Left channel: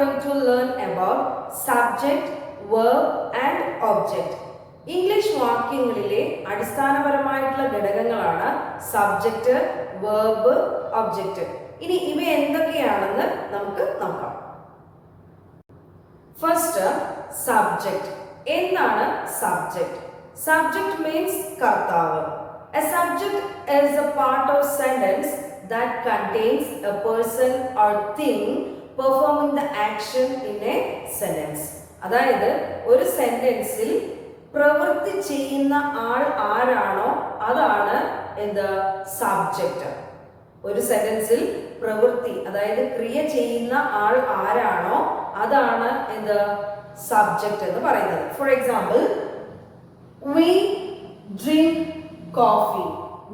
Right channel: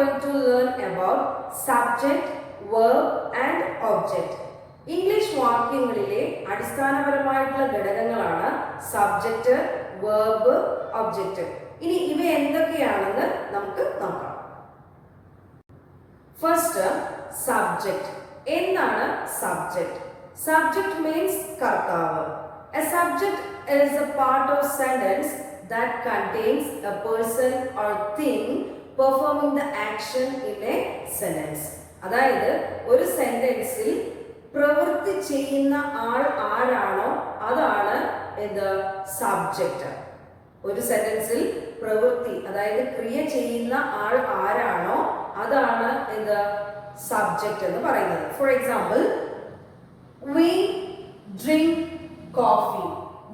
going to learn about subject, verb and object. English വാക്യങ്ങളിലെ അടിസ്ഥാനപരമായിട്ടുള്ള ഘടകങ്ങളാണ് സബ്ജക്റ്റ്, വെർബ്, ഒബ്ജക്റ്റ്. ഇനി ഇവ എന്തൊക്കെയാണെന്ന് നമുക്ക് നോക്കാം. First, subject. എന്താണ് സബ്ജക്റ്റ്? സബ്ജക്റ്റ് മീൻസ് കർത്താവ്. A subject is a part of sentence that contains a person or thing performing the action in a sentence. അതായത് ഒരു സെന്റൻസിൽ പ്രവൃത്തി ചെയ്യുന്ന ആൾ ആരാണോ അതാണ് എന്ത് സബ്ജക്റ്റ്. ഒരു സെന്റൻസിൽ പ്രവൃത്തി അതായത് ക്രിയ ചെയ്യുന്ന ആൾ ആരാണോ അതാണ് എന്ത് സബ്ജക്റ്റ് എന്ന് പറയുന്നത്. For example, we drink coffee.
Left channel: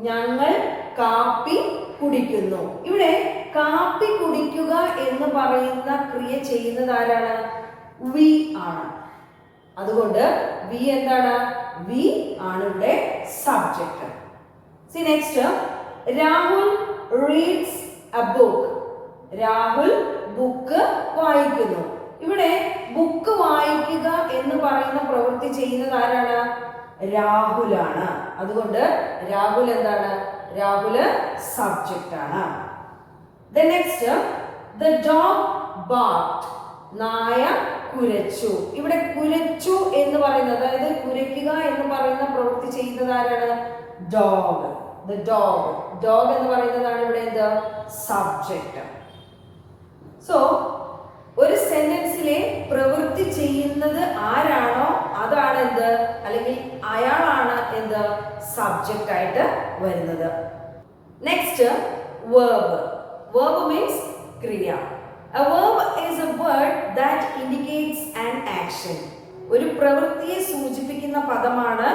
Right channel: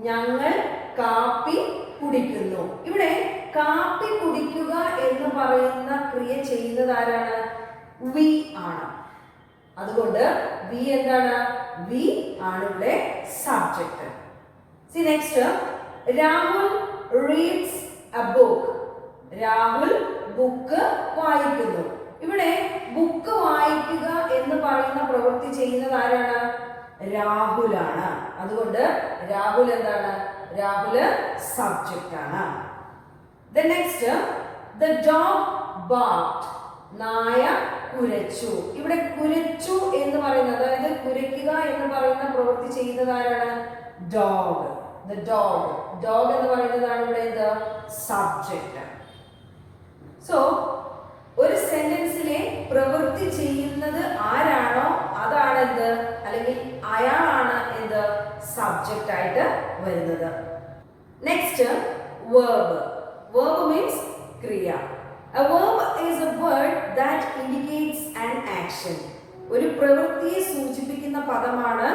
ഞങ്ങൾ കാപ്പി കുടിക്കുന്നു. ഇവിടെ കാപ്പി കുടിക്കുക എന്ന് പറയുന്ന ക്രിയ ചെയ്യുന്നത് ആരാണ്? വി ആണ്. അതുകൊണ്ട് വി എന്താണ്? വി ആണ് ഇവിടെ subject. C next, Rahul reads A book. Rahul book വായിക്കുന്നു. ഇവിടെ ബുക്ക് വായിക്കുക എന്ന് പറയുന്ന പ്രവൃത്തി ചെയ്യുന്നത് ആരാണ്? രാഹുലാണ്. അതുകൊണ്ട് രാഹുൽ എന്താണ്? രാഹുൽ സബ്ജക്റ്റ് ആണ്. Next, the dog barked. നായ കുരച്ചു. ഇവിടെ കുരച്ചു എന്ന് പറയുന്നത് അതായത് കുരയ്ക്കുക എന്ന് പറയുന്ന പ്രവൃത്തി ചെയ്യുന്നത് ആരാണ്? ഡോഗ്. the dog. ഡോഗ് എന്ന് പറയുന്നതാണ് ഇവിടെ എന്ത് സബ്ജക്റ്റ്. സോ ഒരു സെന്റൻസിലെ പ്രവൃത്തി ചെയ്യുന്നത് ആരാണോ അതാണ് എന്ത്, അല്ലെങ്കിൽ അയാളാണ് എന്ത് സബ്ജക്റ്റ് ആയിട്ട് വരുന്നത്. Next, verb. വേർബ് മീൻസ് ക്രിയ. A verb is a word that indicates an action. ഒരു പ്രവൃത്തിയെ സൂചിപ്പിക്കുന്ന പദമാണ്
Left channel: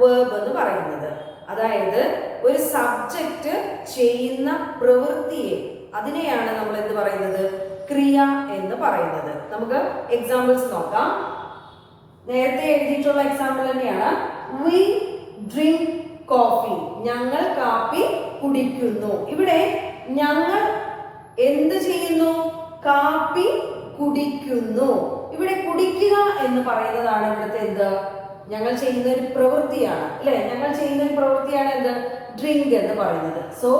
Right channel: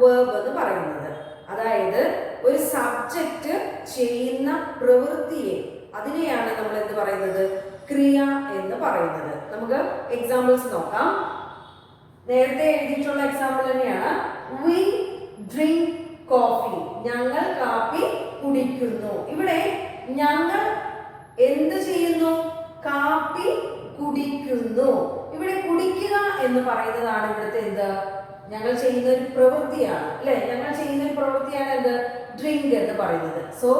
വേർബ് എന്ന് പറയുന്നത്. അതായത് ഒരു സബ്ജക്റ്റ് ചെയ്യുന്ന പ്രവൃത്തിയെ അതിനെയാണ് നമ്മൾ എന്ത് പറയുന്നത്? ക്രിയ എന്ന് പറയുന്നത്. നമുക്ക് എക്സാമ്പിൾസ് നോക്കാം. നേരത്തെ എഴുതിയിട്ടുള്ള എക്സാമ്പിൾ തന്നെയാണ്. we drink coffee. ഞങ്ങൾ കാപ്പി കുടിക്കുന്നു. ഇവിടെ ഞങ്ങൾ എന്ത് ചെയ്യുന്നു? കാപ്പി കുടിക്കുന്നു. ഇവിടെ കുടിക്കുക എന്ന് പറയുന്നതാണ് ഇവിടുത്തെ എന്ത്? ഞങ്ങൾ ചെയ്യുന്ന ഒരു പ്രവൃത്തിയാണ് അല്ലെ? ഞങ്ങൾ ചെയ്യുന്ന ഒരു പ്രവൃത്തിയാണ് എന്ത്? ഡ്രിങ്ക് എന്ന് പറയുന്നത്. So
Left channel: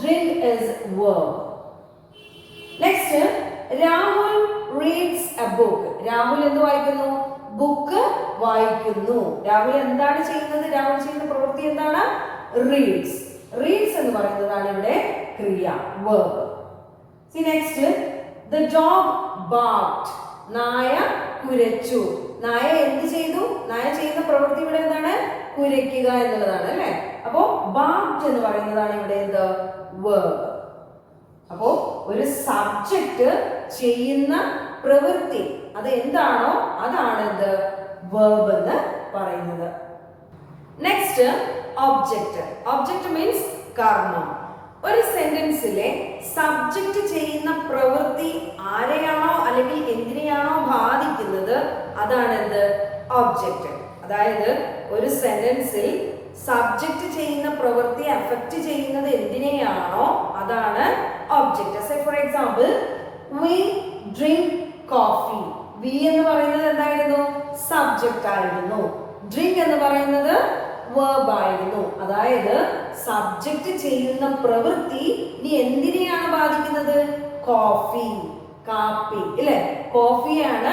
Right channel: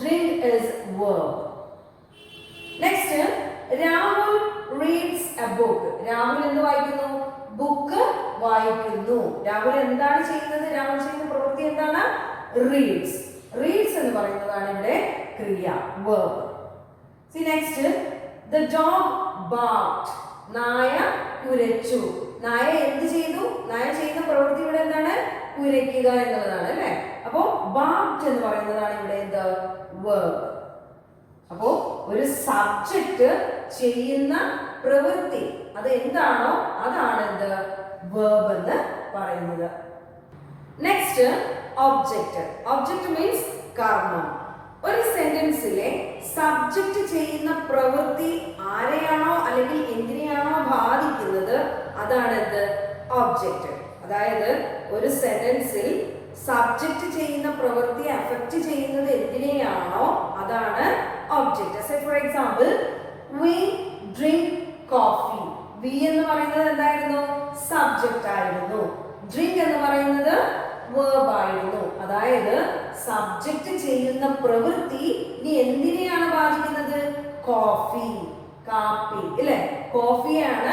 drink is verb. Next, Rahul reads A book. Rahul എന്ത് വായിക്കുന്നു? ബുക്ക് വായിക്കുന്നു. രാഹുൽ എന്താണ് ചെയ്യുന്നത്? രാഹുൽ ചെയ്യുന്ന പ്രവൃത്തി എന്താണ്? റീഡ്സ്. റീഡ്സ് എന്ന് പറയുന്നതാണ് ഇവിടെ ക്രിയ, verb. See next, the dog barked. നായ കുരച്ചു. നായ എന്ത് ചെയ്തു? നായ ചെയ്യുന്ന പ്രവൃത്തി ഇവിടെ എന്താണ്? കുരയ്ക്കുക എന്നുള്ളതാണ് അല്ലെ? അപ്പോ barked എന്ന് പറയുന്നതാണ് ഇവിടെ എന്ത്? verb. അപ്പോ ഒരു സബ്ജക്റ്റ് ചെയ്യുന്ന പ്രവൃത്തി അത് എന്താണോ അതാണ് എന്ത്? verb എന്ന് പറയുന്നത്. Next, object. ഒബ്ജക്റ്റ് മീൻസ് കർമ്മം. ഒരു സെന്റൻസിലെ സബ്ജക്റ്റ് ചെയ്യുന്ന പ്രവൃത്തി ആരെയാണോ അല്ലെങ്കിൽ എന്തിനെയാണോ ബാധിക്കുന്നത് അതാണ് എന്ത്? ഒബ്ജക്റ്റ്. അതായത് ഒരു സെന്റൻസിൽ സബ്ജക്റ്റ് ചെയ്യുന്ന പ്രവൃത്തി അഫക്റ്റ് ചെയ്യുന്നത് എന്തിനെയാണോ അതാണ് object. Say for example, we drink coffee. we എന്ന് പറയുന്നത് എന്തായിരുന്നു? സബ്ജക്റ്റ് ആയിരുന്നു. drink എന്ന് പറയുന്നത് verb ആയിരുന്നു. അതായത് സബ്ജക്റ്റ് ചെയ്യുന്ന പ്രവൃത്തി ഇനി എന്തിനെയാണ് ബാധിക്കുന്നത്? കോഫി, കാപ്പി അല്ലെ? കോഫിയാണ്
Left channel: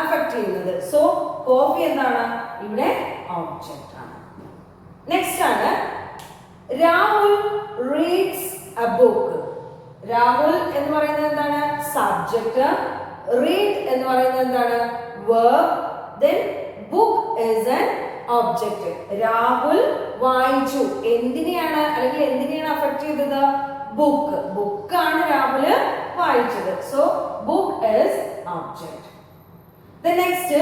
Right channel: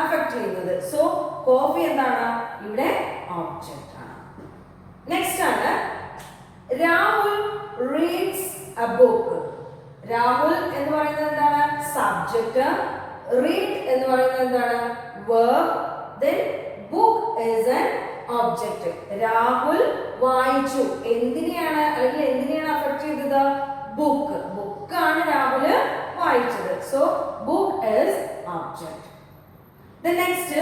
അഫക്ട് ചെയ്യുന്നത്. സോ കോഫി എന്താണ്? ഇവിടെ ഒബ്ജക്റ്റ് ആണ്. നെക്സ്റ്റ് ആണ് Rahul reads A book. Rahul എന്ന് പറയുന്നത് എന്താണ്? സബ്ജക്റ്റ്. റീഡ് എന്ന് പറയുന്നത് എന്താണ്? verb. then book is an object. Rahul വായിച്ചു. എന്തിനെയാണ് അല്ലെങ്കിൽ എന്തിനെയാണ് അഫക്ട് ചെയ്തത്? ബുക്ക്. ബുക്കാണ് രാഹുല് വായിച്ചത്. So book is object. The next,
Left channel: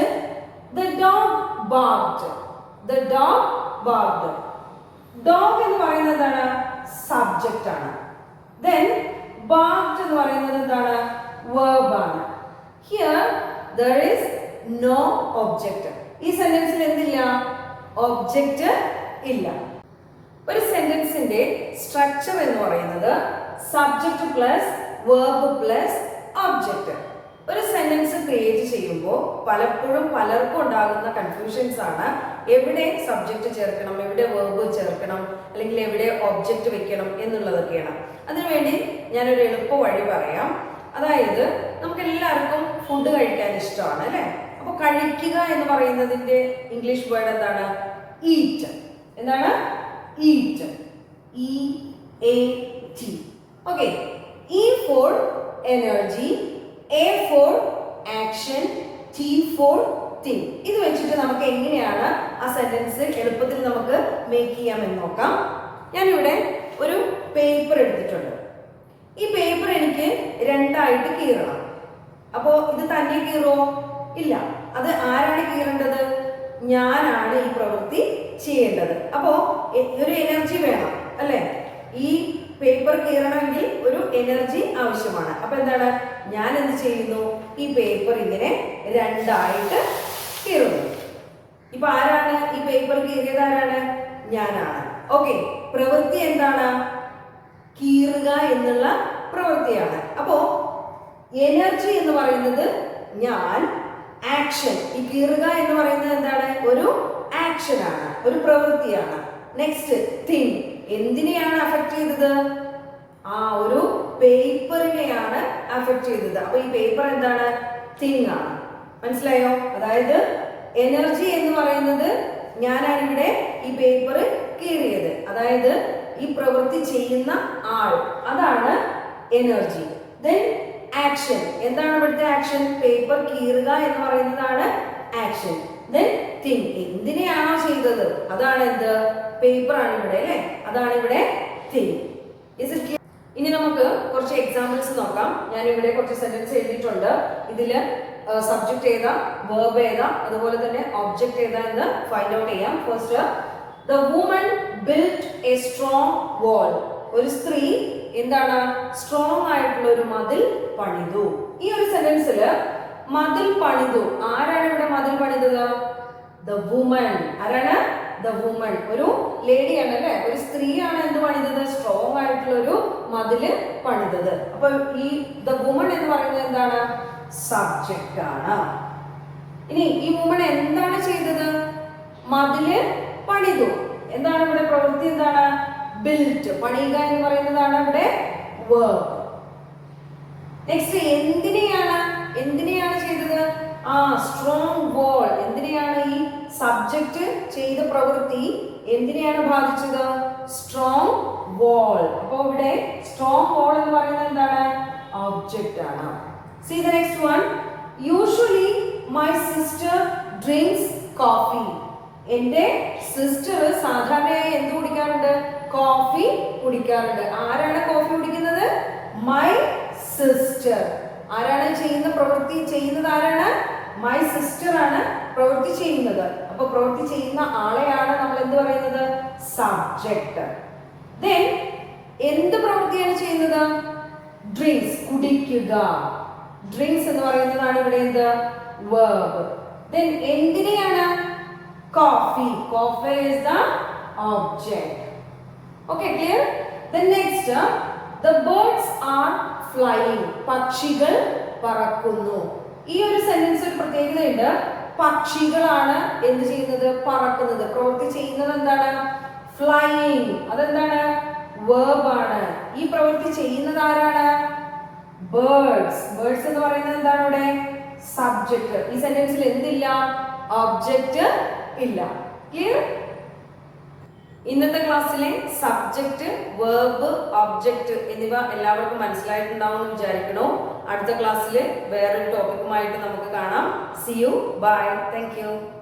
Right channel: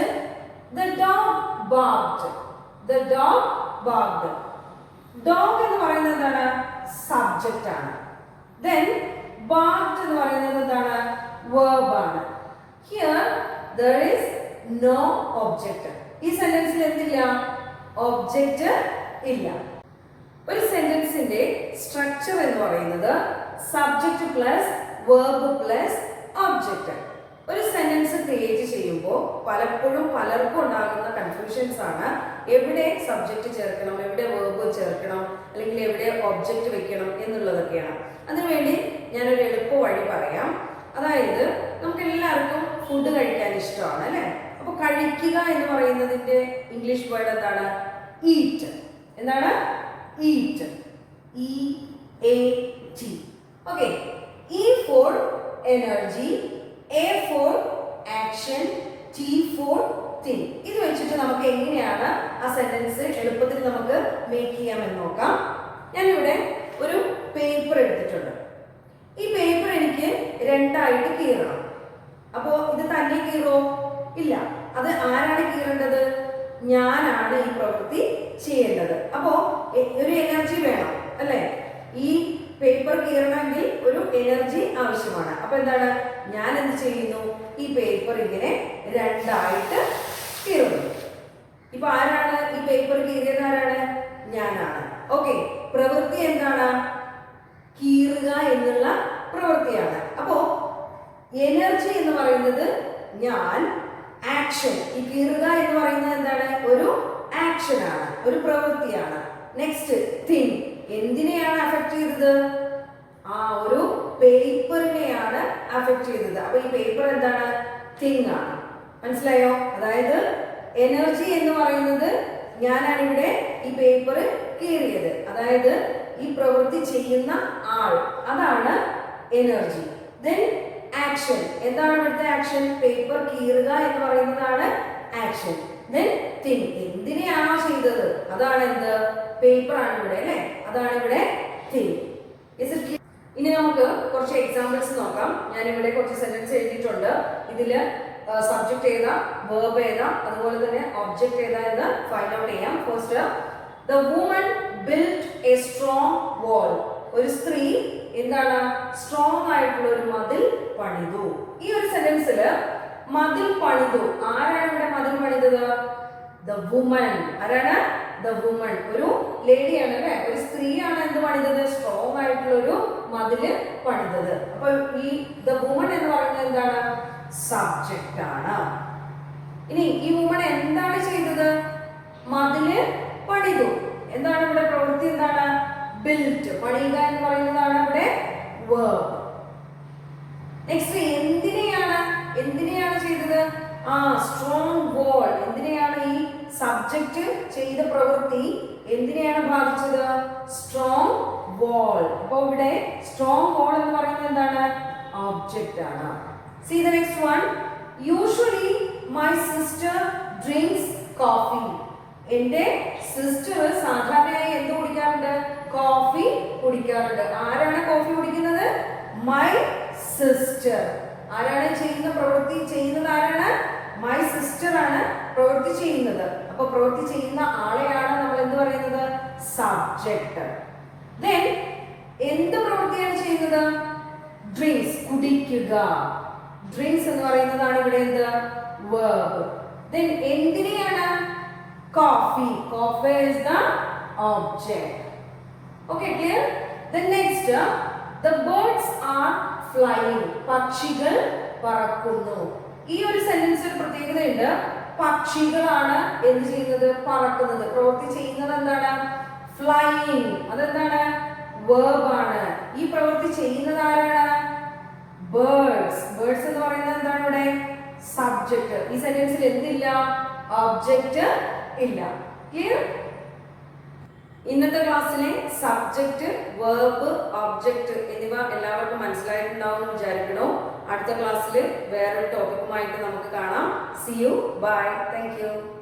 the dog barked. The dog barked. Dog എന്ന് പറയുന്നത് എന്താണ്? സബ്ജക്റ്റ് ആണ്. Then barked എന്ന് പറയുന്നത് എന്താണ്? verb ആണ്. Here there is no object. ഈ സെന്റൻസിൽ എന്തില്ല? ഒബ്ജക്റ്റ് ഇല്ല. ഒരു സെന്റൻസിന്റെ സ്ട്രക്ചർ എന്ന് പറയുന്നത് subject plus verb plus object. ഒരു സെന്റൻസ് ക്രിയേറ്റ് ചെയ്യുമ്പോൾ പലപ്പോഴും പലർക്കും ഉണ്ടാകുന്ന കൺഫ്യൂഷൻസ് ആണ് എവിടെ സബ്ജക്റ്റ് ചേർക്കണം, എവിടെ വെർബ് ചേർക്കണം, അല്ലെങ്കിൽ എവിടെ ഒബ്ജക്റ്റ് വെക്കണം എന്നുള്ളതൊക്കെയാണ്. അതിനുവേണ്ടി ഞാനൊരു എളുപ്പ വഴി പറയാം. അതായത് നമുക്ക് എല്ലാവർക്കും ഫുഡ് കഴിക്കാൻ ഇഷ്ടമാണ് അല്ലേ? അപ്പൊ കഴിക്കുക എന്ന് പറയുന്നതിന്റെ ഇംഗ്ലീഷ് വേർഡ് എന്താണ്? ഈറ്റ്. എന്താണ്? Eat. EAT. Okay. E for energy, A for action, T for thing. ഇത് വെച്ചിട്ട് നമുക്ക് എങ്ങനെയാണ് ആ സെന്റൻസ് എളുപ്പത്തിൽ നമുക്ക് മേക്ക് ചെയ്യാമെന്ന് നോക്കാം. ഞാനിവിടെ ഒരു പേപ്പർ എടുത്തിട്ടുണ്ട്. ഈ പേപ്പർ എനിക്ക് രണ്ടായിട്ട് കീറണം. അപ്പോ ഇത് തന്നെ കീറോ? ഇല്ല. അത് ആരാണ് കീറേണ്ടത്? ഞാനാണ് ഈ പ്രവൃത്തി ചെയ്യേണ്ടത്. അപ്പോ ഒരു എനർജി വേണം അല്ലെ? ഈ പേപ്പർ കീറണമെങ്കിൽ ഒരു എനർജി ആവശ്യമാണ്. അപ്പൊ എന്താണ്? ഞാൻ എന്ത് ചെയ്യുന്നു? ഈ പേപ്പർ ഇങ്ങനെ രണ്ടായിട്ട് കീറുന്നു. ഇപ്പൊ ആരാണ് ഈ പേപ്പർ കീറിയത്? ആരാണ്? ഞാനാണ്. ഓക്കെ. പ്രവൃത്തി എന്താണ്? കീറുക എന്നുള്ള പ്രവൃത്തിയാണ്. അപ്പോ എനർജി എന്ന് പറയുന്നത് ഞാൻ, ആക്ഷൻ. ഈ കീറുക എന്ന് പറയുന്നത് എന്താണ്? ഒരു ആക്ഷൻ ആണ്, ഒരു പ്രവൃത്തിയാണ്. Next thing. എന്തിനെയാണ് അഫക്ട് ചെയ്തത്? ആ ഒരു പേപ്പറിനെയാണ് അഫക്ട് ചെയ്തത്. അപ്പൊ ഈ പേപ്പർ എന്താണ്? തിങ് ആണ്. മനസ്സിലായോ? അതായത് എനർജി എന്ന് പറയുന്നത് ഞാനാണ് ഇവിടെ ഈ പേപ്പർ കീറിയത്. അതായത് ഈ പ്രവൃത്തി ചെയ്യുന്ന ആൾ, അതാണ് എനർജി. Then action. എന്താണ് ഇവിടുത്തെ ആക്ഷൻ? പേപ്പർ കീറുക എന്ന് പറയുന്നതാണ് ആക്ഷൻ. Then thing. എന്തിനെയാണോ ചെയ്തത് അതാണ് എന്ത്? പേപ്പർ ആണ് ഇവിടെ അല്ലേ? അതാണ് ഇവിടെ തിങ്. ഇനി നമുക്ക് കുറച്ച് എക്സാമ്പിൾസ് നോക്കാം. ഞാൻ ഇവിടെ കുറച്ച് സെന്റൻസ് എഴുതിയിട്ടുണ്ട്. ഇതില് സബ്ജക്ട് ഏതാ, വെർബ് ഏതാ, അതുപോലെ തന്നെ ഒബ്ജക്ട് ഏതാ എന്ന് ഫൈൻഡ് ഔട്ട് ചെയ്യാം. First, the woman built a strong wall. ഒരു സ്ത്രീ എന്താണ്? സ്ട്രോങ് ആയിട്ടുള്ള ഒരു മതിൽ പണിതു. ഈ ഒരു സെന്റൻസില് മതിൽ പണിതു. ആരാണ് ഇവിടെ മതിൽ പണിതത്? The woman. ആരാണ്? The woman. ഒരു ലേഡിയാണ് അല്ലെ? ഒരു സ്ത്രീയാണ് എന്ത് പണിതത്? സ്ട്രോങ് ആയിട്ടുള്ള ഒരു മതില് പണിതത്. അപ്പൊ ഈ ദ വുമൺ എന്ന് പറയുന്നത് എന്താണ്? സബ്ജക്റ്റ് ആണ്. ഇനി ഈ വുമൺ എന്താണ് ചെയ്തത്? മതില് പണിതു. എന്താണ് ഇവിടെ പ്രവൃത്തി? എന്താണ്? ബിൽറ്റ്. പണിയുക എന്ന് പറയുന്നതാണ് ഇവിടെ വെർബ്. നെക്സ്റ്റ്, എന്തിനെയാണ് ചെയ്തത്? ആ സ്ട്രോങ് വാൾ. എന്തിനെയാണ് ഈ സബ്ജക്റ്റ് ചെയ്ത പ്രവൃത്തി എന്തിനെയാണ് ബാധിച്ചത്? സ്ട്രോങ് വാൾ. അപ്പൊ ഇവിടെ സ്ട്രോങ് വാൾ എന്ന് പറയുന്നത് എന്താണ്? ഒബ്ജക്റ്റ് ആണ്. See the next one. Usually my sister drinks coffee. എന്റെ സിസ്റ്റർ സാധാരണയായി എന്ത് കുടിക്കാറുണ്ട്? കോഫി കുടിക്കാറുണ്ട്. ആരാണ് കോഫി കുടിക്കുന്നത്? My sister. ആരാണ് ചെയ്യുന്ന പ്രവൃത്തി ചെയ്യുന്നത്? ആരാണ്? മൈ സിസ്റ്റർ ആണ് പ്രവൃത്തി ചെയ്യുന്നത്. അപ്പൊ പ്രവൃത്തി ചെയ്യുന്ന ആളെയാണ് നമ്മൾ എന്ത് പറയുന്നത്? സബ്ജക്റ്റ്. ദെൻ എന്ത് പ്രവൃത്തിയാണ് ചെയ്യുന്നത്? ഡ്രിങ്ക്സ്. കുടിക്കുക. ഡ്രിങ്ക്സ് എന്ന് പറയുന്നതാണ് ഇവിടെ എന്ത്? വെർബ്. ദെൻ എന്തിനെയാണ്? Coffee. Coffee is the object. Okay, clear? Then next, the birds are flying. പക്ഷികൾ പറക്കുന്നു. ഈ ഒരു സെന്റൻസ് ഒരു പ്രത്യേകതയുണ്ട്. പക്ഷികളാണ് എന്ത് ചെയ്യുന്നത്? പറക്കുന്നത്. പ്രവൃത്തി ചെയ്യുന്നത് എന്താണ്? ഫ്ലൈയിങ്. അതെന്താണ്? വെർബ് ആണ്. ഈ പ്രവൃത്തി ചെയ്യുന്നത് ആരാണ്? ബേർഡ്സ്. ബേർഡ്സ് എന്ന് പറയുന്നത് എന്താണ് ഇവിടെ? സബ്ജക്റ്റ്. ഈ സെന്റൻസിൽ എന്തില്ല? ഒബ്ജക്റ്റ് ഇല്ല. ക്ലിയർ? ഇന്നത്തെ ക്ലാസ്സിലെ സബ്ജക്റ്റ്, വെർബ്, ഒബ്ജക്റ്റ് എന്നിവ എല്ലാവർക്കും മനസ്സിലായിട്ടുണ്ടാവും എന്ന് വിചാരിക്കണോ. അടുത്ത ക്ലാസ്സിൽ വേറൊരു ടോപ്പിക്കുമായിട്ട് നമുക്ക് കാണാം. See you. Bye. Thank you.